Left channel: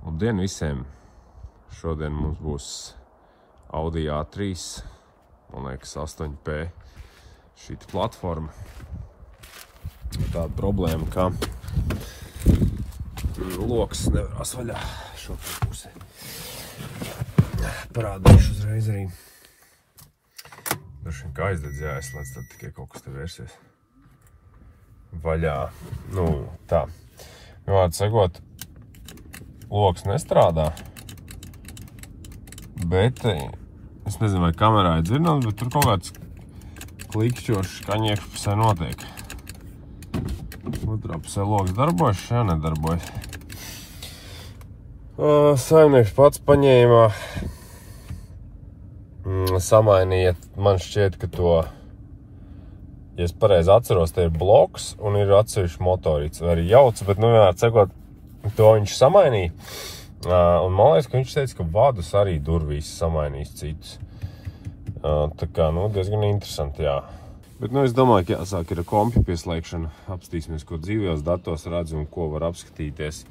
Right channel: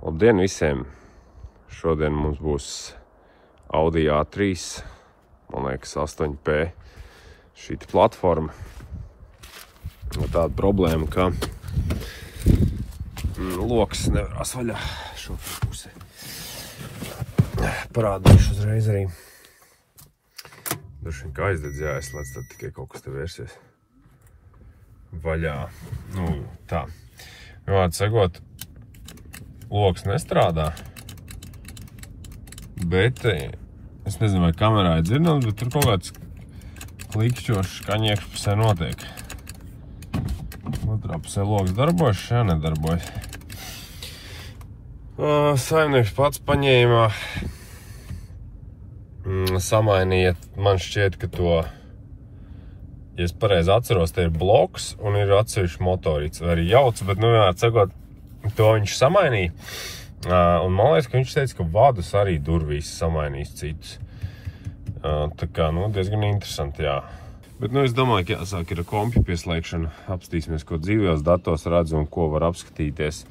Labdien visiem! Šodien mums būs Audi A3, man liekas 8P šīta platforma. Tāda problēma, ka loks nevarās vaļā šo pusi. Parādīšu uzreiz arī. Dažiem kā aizdedz jāizslēdz, tad tikai kaut kas te vērsies vaļā. Tā. Vārdu sakot, loks nestrādā, bet es nezinu, vai kamerā ir dzirnams, bet tur kaut kāds klikšķošs skaņiekš pusē notiek. Otrā pusē loks darbojas, šajā nedarbojas. Saimnieks pats paņēma, samainīja, man šķiet, ka to, ja es pareizi atceros, te ir bloks un ir atsevišķi motorīts, vai arī jauts, bet, vienmēr sakot, to viņš samainīja. Un man liekas, ka viņš teica, ka vadus arī durvīs samainīs citus. Tā kā, diezgan interesanti, jā. Bet, es domāju, ka jāsāk ir kompju pieslēgšana. Apstīsimies, ko dzīvajos datos redz un ko var apskatīties.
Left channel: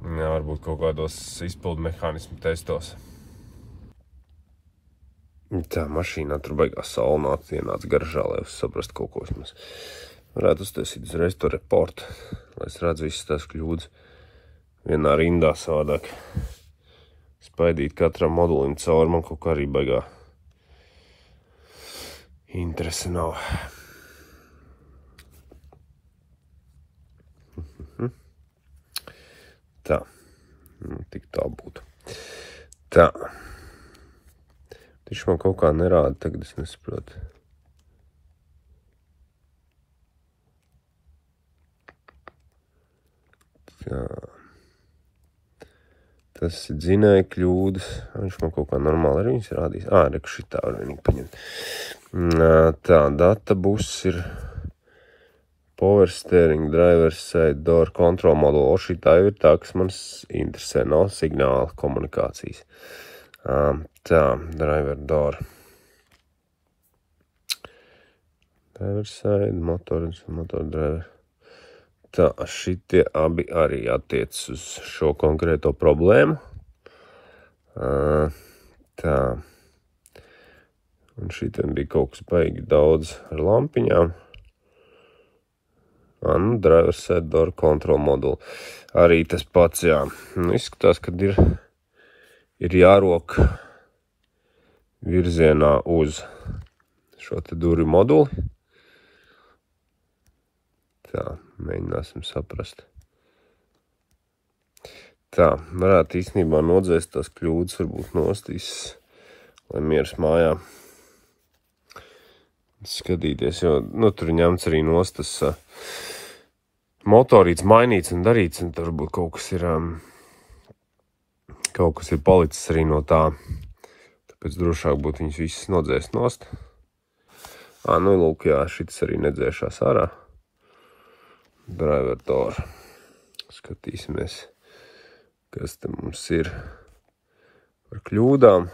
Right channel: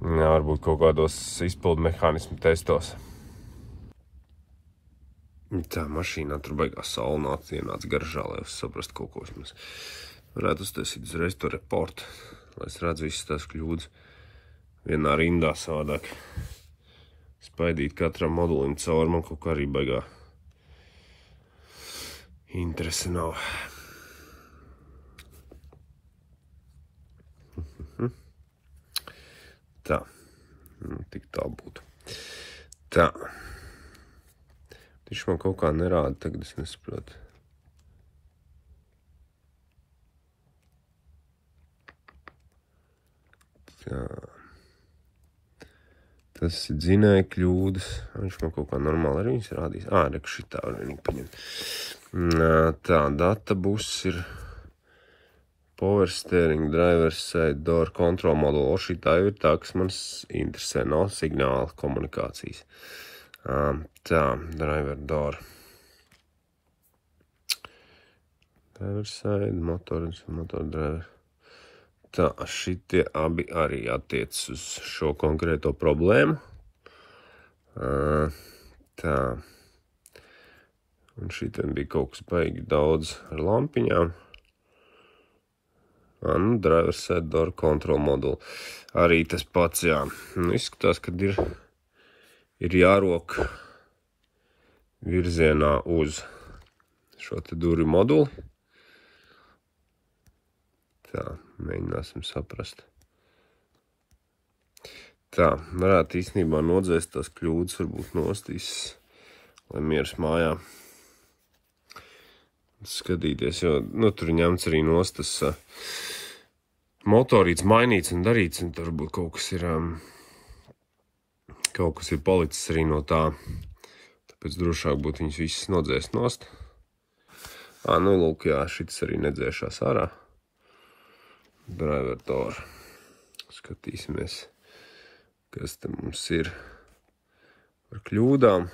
Varbūt kaut kādos izpildu mehānismu testos. Tā mašīnā tur beigās saulnāca, ienāca garžā, lai es saprastu kaut ko vismaz. Varētu uztaisīt uzreiz to reportu, lai es redzu visas tās kļūdas. Vienā rindā savādāk. Spaidīt katram modulim cauri, man kaut kā arī baigā interese nav. Tā. Tik tā būtu. Tā. Viņš man kaut kā nerāda, tagad es nesaprotu. Tā. Tas ir dzinēja kļūdas. Viņš man kaut kā normāli arī viņas rādīs. Reku šitā var vienīgi paņemt. Tā, data bus ir power steering, driver side, door control module. Šitā jau ir tā, kas man interesē. Nav signāla komunikācijas. Tā, driver door. Driver side, motor driver. Tā, šitie abi arī attiec uz šo konkrēto problēmu. Tā. Un šitiem bija kaut kas baigi daudz ar lampiņām. Driver set door control module. Arī tas pats, jā. Izskatās, kad ir jārok virzienā uz šo te durvju moduli. Tā, mēģināsim saprast. Tā, varētu īstenībā nodzēst tās kļūdas, varbūt nostīs, lai mieras mājā skatīties, jo, tur ņemts arī nost tas motorīts mainīts un darīts, un tur varbūt kaut kas ir palicis arī no tā, tāpēc drošāk būtu viņas visas nodzēst nost. Lūk, jā, šitas arī nedzēšās ārā. Driver door. Skatīsimies, kas te mums ir par kļūdām.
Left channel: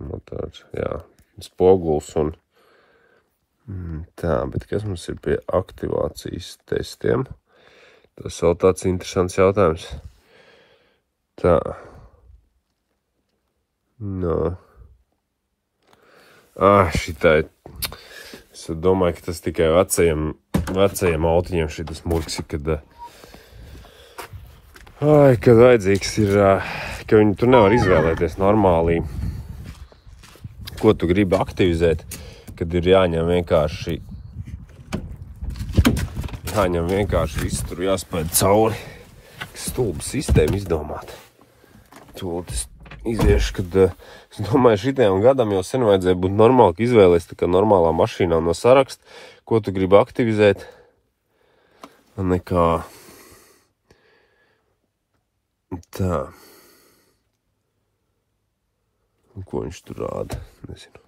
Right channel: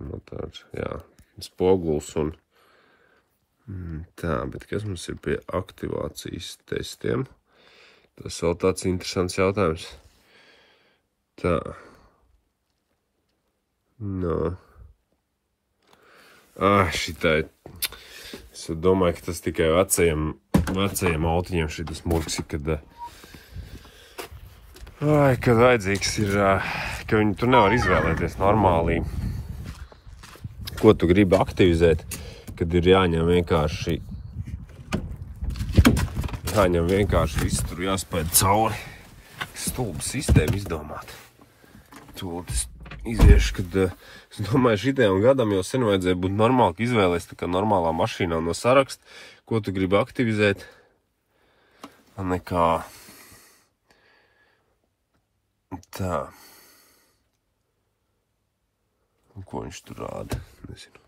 Motors, jā, spoguls un tā, bet kas mums ir pie aktivācijas testiem? Tas vēl tāds interesants jautājums. Tā. Šitā ir. Es domāju, ka tas tikai vecajiem autiņiem šitas murksi, kad vajadzīgs ir, ka viņi tur nevar izvēlēties normāli, ko tu gribi aktivizēt, kad ir jāņem vienkārši viss tur jāspēj cauri. Stulba sistēma izdomāt. Tūlīt iziešu, kad es domāju, šitajam gadam jau sen vajadzēja būt normāli, ka izvēlēs tā kā normālā mašīnā no saraksta, ko tu gribi aktivizēt. Nekā. Tā. Un ko viņš tur rāda? Nezinu.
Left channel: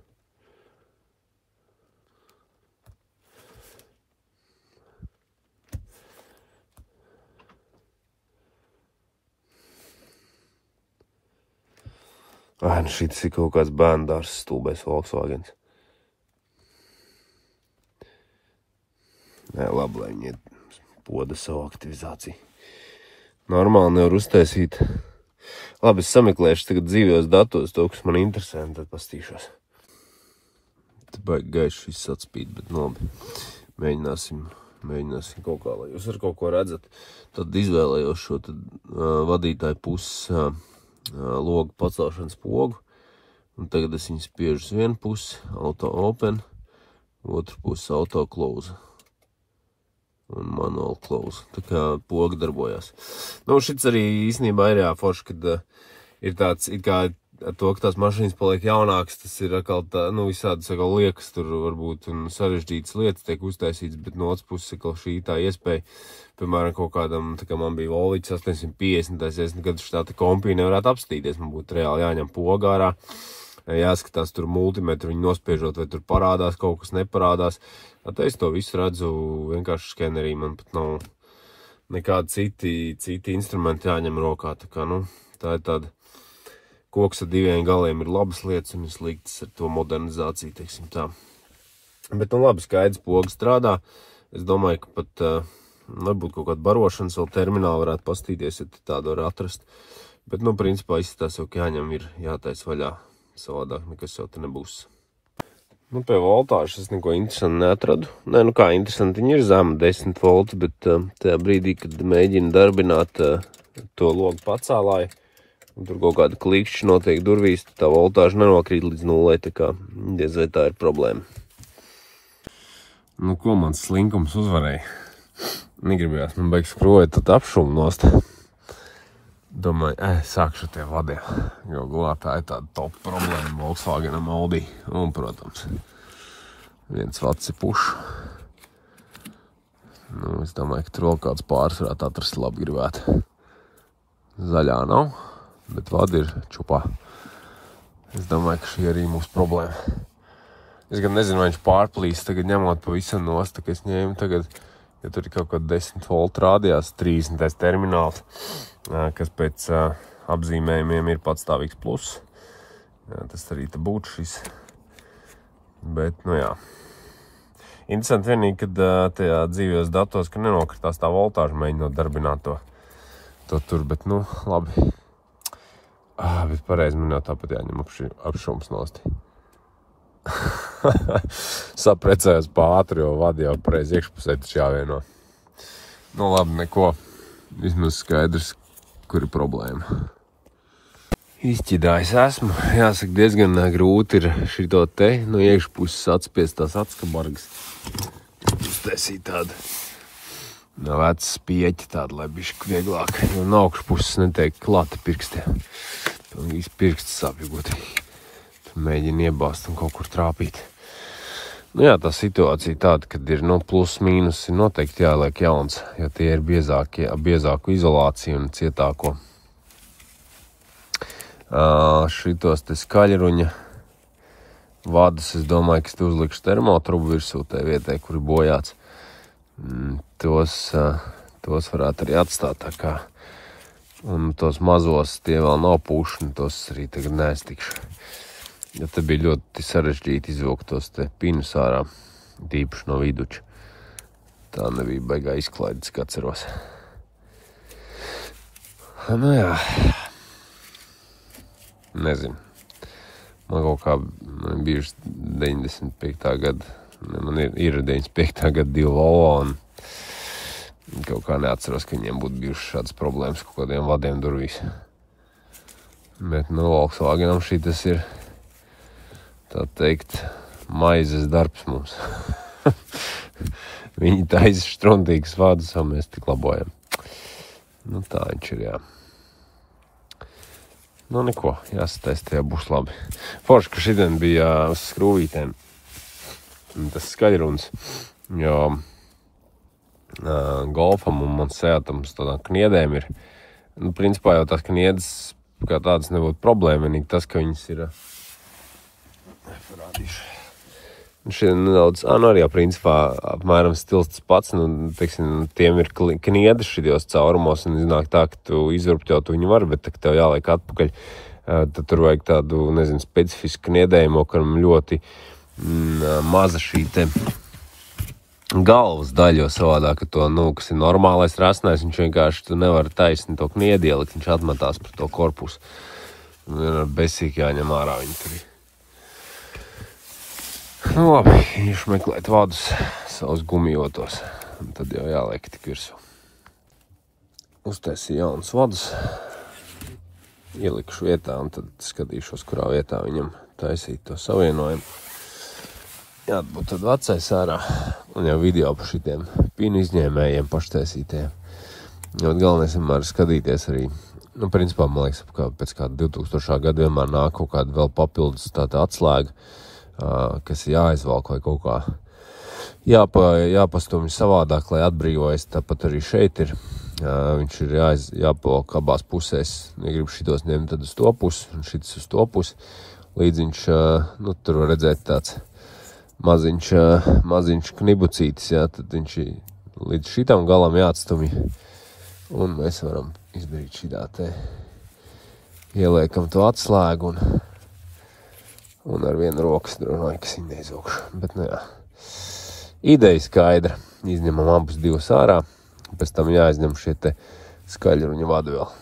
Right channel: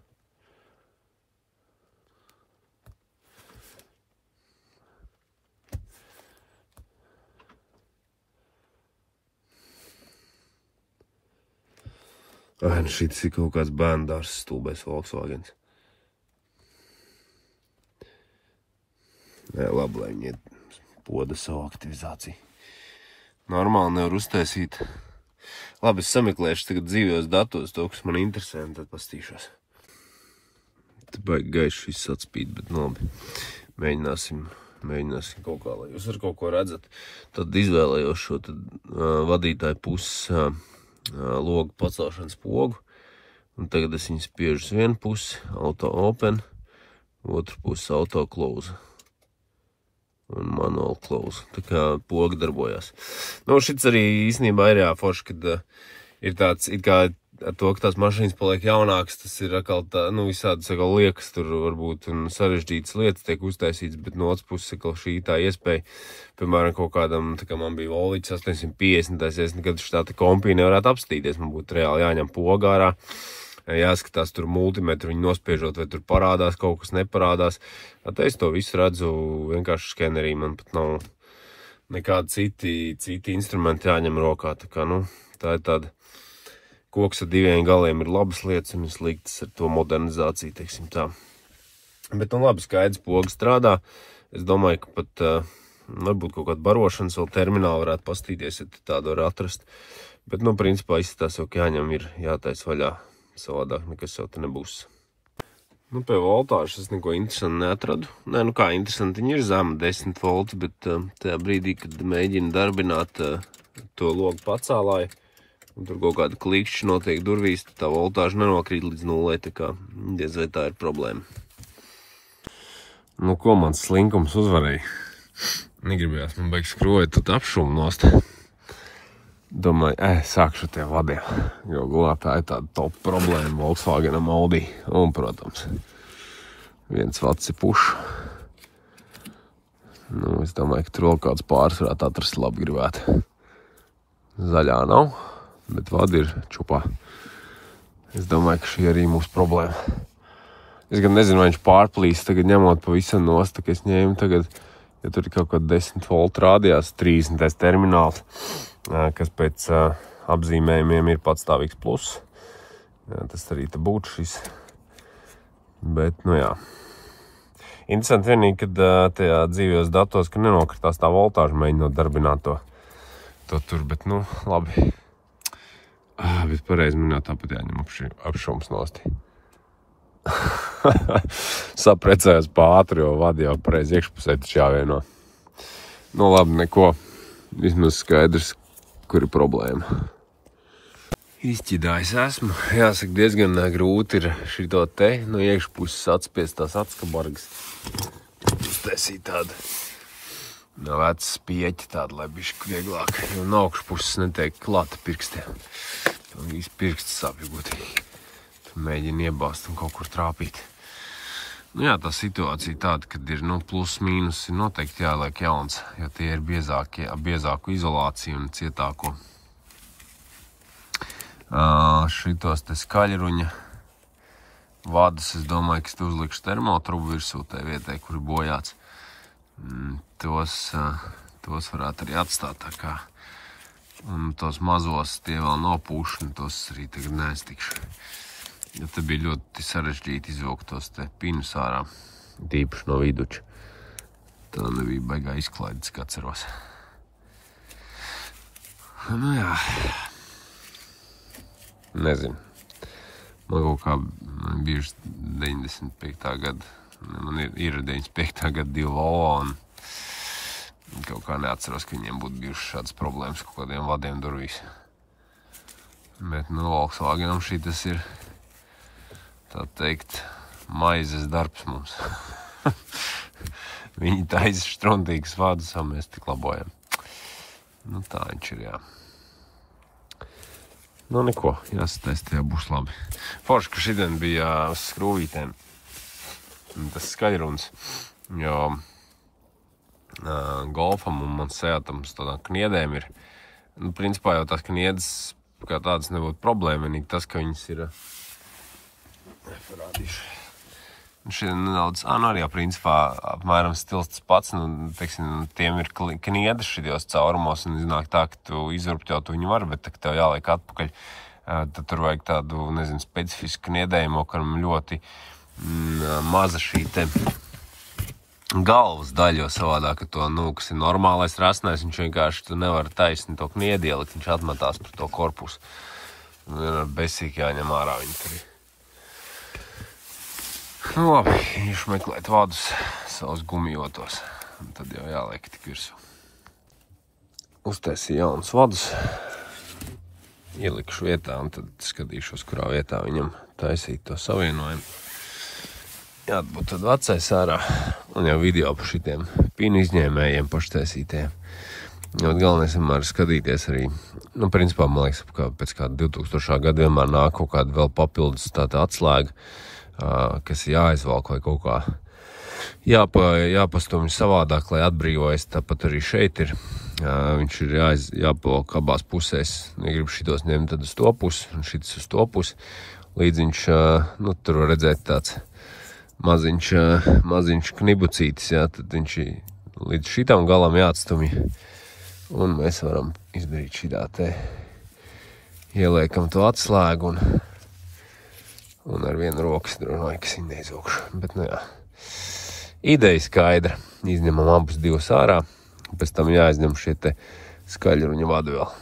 Šitas ir kaut kāds bērndārs stulbais Volkswagens. Labi, lai viņi poda savu aktivizāciju. normāli nevar uztaisīt. Labi, es sameklēšu tagad dzīvajos datos to, kas man interesē, un tad pastīšos. Te baigi gaiši viss atspīd, bet labi. Mēģināsim kaut kā, lai jūs ar kaut ko redzat. Tad izvēlējos šo vadītāju puses logu pacelšanas pogu. Un tagad es viņu spiežu uz vienu pusi, auto open, otru pusi auto close. Un manual close. Tā kā poga darbojās. Nu, šits arī īstenībā ir jāforši, kad ir tāds, it kā ar to, ka tās mašīnas paliek jaunākas, tas ir atkal tā, nu, visādas atkal liekas, tur varbūt un sarežģītas lietas tiek uztaisītas, bet no otras puses atkal šī tā iespēja, piemēram, kaut kādam, tā kā man bija Volvičs 850, es nekad šitā tā kompī nevarētu apstīties, man būtu reāli jāņem poga ārā, jāskatās tur multimetru, viņi nospiežot, vai tur parādās, kaut kas neparādās. Tad es to visu redzu vienkārši skenerī, man pat nav nekādi citi instrumenti jāņem rokā, tā kā, nu, tā ir tāda. Koks ar diviem galiem ir labas lietas un ir sliktas ar to modernizāciju, teiksim tā. Bet, nu labi, skaidrs, poga strādā. Es domāju, ka pat varbūt kaut kādu barošanas vēl terminālu varētu pastīties, ja tādu var atrast. Bet, nu, principā izskatās jau, ka jāņem ir jātais vaļā. Savādāk nekas jau te nebūs. Nu, pie voltāžas es neko interesanti neatradu. Nē, nu kā interesanti, viņi ir zema 10 volti, bet tajā brīdī, kad mēģina darbināt to logu pacēlāju, un tur kaut kāda klikšķi notiek durvīs, tad tā voltāža nenokrīt līdz 0, tā kā diez vai tā ir problēma. Nu, ko mans slinkums uzvarēja? Negribējās, man beigas skrojot tad apšumu nost. Domāju, sākšu tiem vadiem, jo galā tā ir tāda top problēma Volkswagenam Audi. Un, protams, 1 vats ir puš. Nu, es domāju, ka tur vēl kāds pāris varētu atrast labi gribētu. Zaļā nav. Bet vadi ir čupā. Es domāju, ka šī arī mūsu problēma. Es gan nezinu, vai viņš pārplīs, tagad ņemot pavisam nost, tā kā es ņēmu tagad, ja tur ir kaut kāda 10 voltu rādījās, 30. termināls, kas pēc apzīmējumiem ir patstāvīgs plus. Tas arī te būtu šis. Bet, nu jā. Interesanti vienīgi, kad tajā dzīvajos datos, ka nenokritās tā voltāža mēģinot darbināt to tur, bet, nu, labi. Bet pareizi man jau tāpat jāņem apšums nosti. Saprecējos pātri, jo vadi jau pareizi iekšpusē taču jāvieno. Nu labi, neko. Vismaz skaidrs, kur ir problēma. Izķidājis esmu. Jāsaka, diezgan grūti ir šito te, no iekšpuses atspiest tās atskabargas. Uztaisīt tādu. No vecas pieķi tāda, lai bišķi vieglāk, jo no augšpuses netiek klāta pirkstiem. Tad visi pirksti sāpju būtīgi. Tad mēģina iebāzt un kaut kur trāpīt. Nu jā, tā situācija tāda, kad ir plus mīnus, ir noteikti jāliek jauns, jo tie ir biezāku izolāciju un cietāko. Šitos te skaļruņa vadus, es domāju, ka es te uzlikšu termotrubu virsū tai vietai, kur ir bojāts. Tos varētu arī atstāt tā kā. Un tos mazos, tie vēl nav puši, un tos arī tagad neestikšu. Ja te bija ļoti sarežģīti izvilkt tos te pinus ārā, tīpaši no viduča. Tā nebija baigā izklaides, kā ceros. Nu jā. Nezinu. Man kaut kā bijuši 95. gada. Man ir 95. gada 2 Volvo, un kaut kā neatceros, ka viņiem būtu bijušas šādas problēmas kaut kādiem vadiem durvīs. Bet, nu, Volkswagenam šī tas ir, tā teikt, maizes darbs mums. Viņi taisa štruntīgas vadus, un mēs tik labojam. Nu, tā viņš ir, jā. Nu, neko, jāsataista, jā, būs labi. Forši, ka šodien bija uz skrūvītēm. Tas skaļruns, jo Golfam un man Seatam uz tādām kniedēm ir, nu, principā jau tās kniedes kā tādas nebūtu problēma, vienīgi tas, ka viņas ir, šeit nedaudz, nu arī jau principā apmēram stils tas pats, nu, teiksim, tiem ir kniedes šitos caurumos, un iznāk tā, ka tu izurpķot viņu var, bet tā, ka tev jāliek atpakaļ, tad tur vajag tādu, nezinu, specifisku kniedējumu, kuram ļoti maza šī te galvas daļu, jo savādāk, ka to, kas ir normālais rasnais, viņš vienkārši tu nevar taisni to kniedi ielikt, viņš atmetās par to korpusu. Vienmēr besīgi jāņem ārā viņi tur. Nu labi, īšu meklēt vadus savus gumijotos, un tad jau jāliek tik virsū. Uztaisīju jaunus vadus, ielikšu vietā, un tad skatīšos, kurā vietā viņam taisīt to savienojumu. Jāatbūt tad vecais ārā, un jau video par šitiem pinu izņēmējiem paštaisītajiem. Galvenais vienmēr skatīties arī, principā, man liekas, pēc kāda 2000. Gada vienmēr nāk kaut kāda vēl papildus tāda atslēga, kas jāizvalk vai kaut kā jāpastumj savādāk, lai atbrīvojas. Tāpat arī šeit ir. Viņš ir jāpavalk abās pusēs. Ja grib šitos ņemt, tad uz to pusi, un šitas uz to pusi. Līdz viņš, tur var redzēt tāds maziņš knibucītis, tad viņš līdz šitam galam jāatstumj. Un mēs varam izdarīt šitā te. Ieliekam to atslēgu un ar vienu rokas dronoju, kas viņu neizvilkšu. Bet, ideja skaidra. Izņemam abus divus ārā. Pēc tam jāizņem šie te skaļruņa vadi vēl.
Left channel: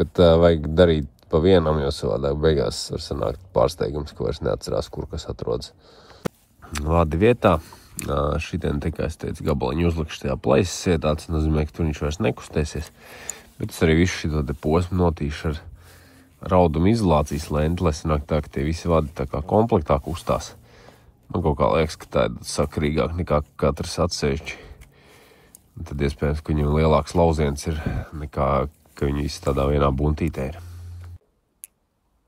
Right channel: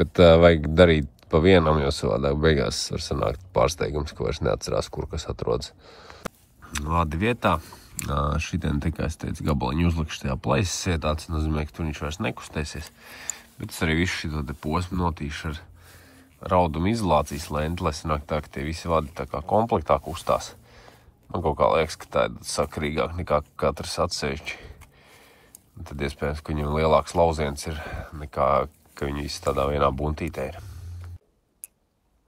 Bet vajag darīt pa vienam, jo savādāk beigās var sanākt pārsteigums, ka vairs neatcerās, kur kas atrodas. Vadi vietā. Šitien tikai, es teicu, gabaliņu uzlikšu tajā plaisas vietā. Tas nozīmē, ka tur viņš vairs nekustēsies. Bet es arī visu šito te posmu notīšu ar rauduma izolācijas lenti, lai sanāk tā, ka tie visi vadi tā kā komplektā kustās. Kaut kā liekas, ka tā ir sakarīgāk nekā katrs atsevišķi. Tad iespējams, ka viņam lielāks lauziens ir nekā, ka viņi visi tādā vienā buntītē ir.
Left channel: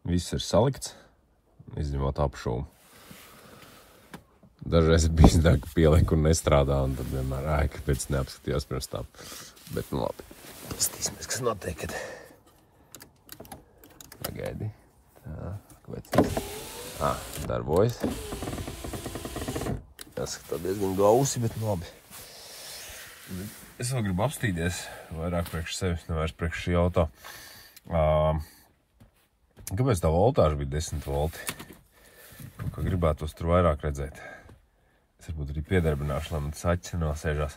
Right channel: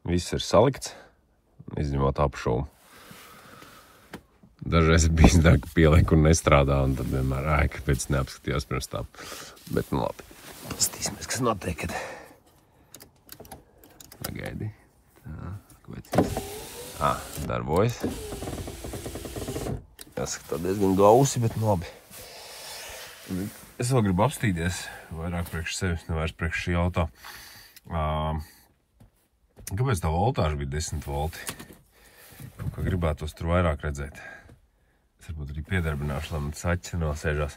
Viss ir salikts, izņemot apšūmu. Dažreiz ir bijis tā, ka pieliek un nestrādā, un tad vienmēr kāpēc neapskatījos pirms tam. Bet, labi, pastīsimies, kas notiek, kad pagaidi. Tā, kāpēc? Darbojas. Jāskatā diezgan gausi, bet labi. Es vēl gribu apstīties, vairāk priekš sevis, nevairs priekš šī auto. Kāpēc tā voltāža bija 10 volti? Kā gribētos tur vairāk redzēt. Es varbūt arī piedarbināšu, lai man tas acis nosēžās.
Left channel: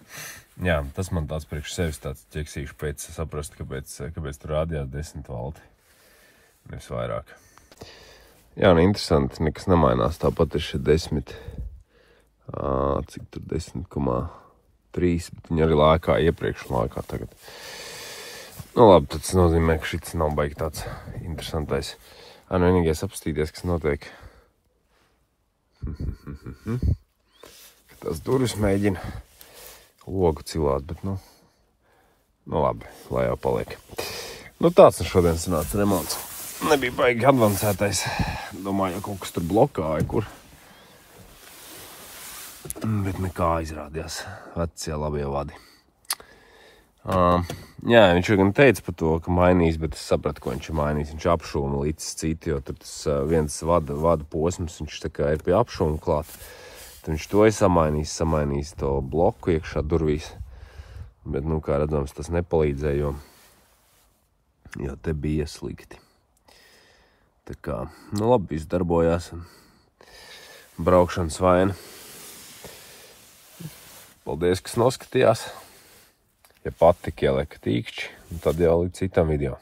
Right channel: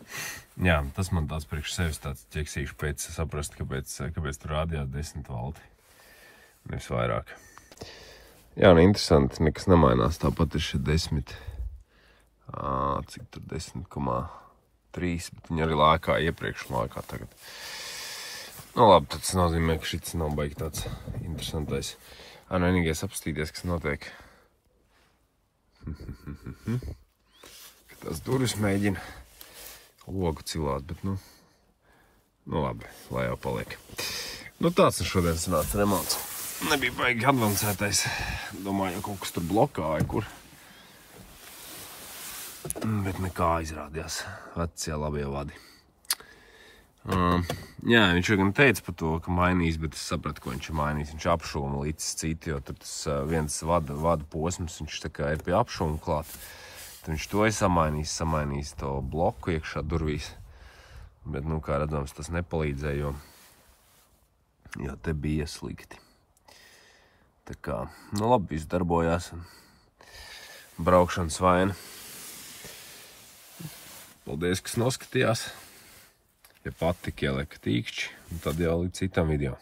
Jā, tas man tāds priekš sevis tāds ķeksīšu pēc saprast, kāpēc tur rādījās 10 volti. Nevis vairāk. Jā, interesanti, nekas nemainās. Tāpat ir šeit 10. Cik tur 10,3, bet viņi arī lēkā iepriekš un lēkā tagad. Labi, tas nozīmē, ka šits nav baigi tāds interesantais. Vienīgais apstīties, kas notiek. Ka tās durvis mēģina logu cilāt, bet labi, lai jau paliek. Tāds šodien sanāca remonts. Nebija baigi advancētais. Domāju, kaut kas tur blokāja, kur. Bet nekā izrādījās vecie labie vadi. Jā, viņš gan teica par to, ka mainīs, bet es sapratu, ko viņš ir mainījis. Viņš apšūma līdz citi, jo tur tas viens vada posms, viņš tā kā ir pie apšūma klāt. Tad viņš to ir samainījis to bloku iekšā durvīs. Bet, kā redzams, tas nepalīdzēja, jo te bija slikti. Tā kā, labi, viss darbojās un braukšanas vaina. Paldies, kas noskatījās. Ja patika, ieliek tīkšķi, un tad jau līdz citam video.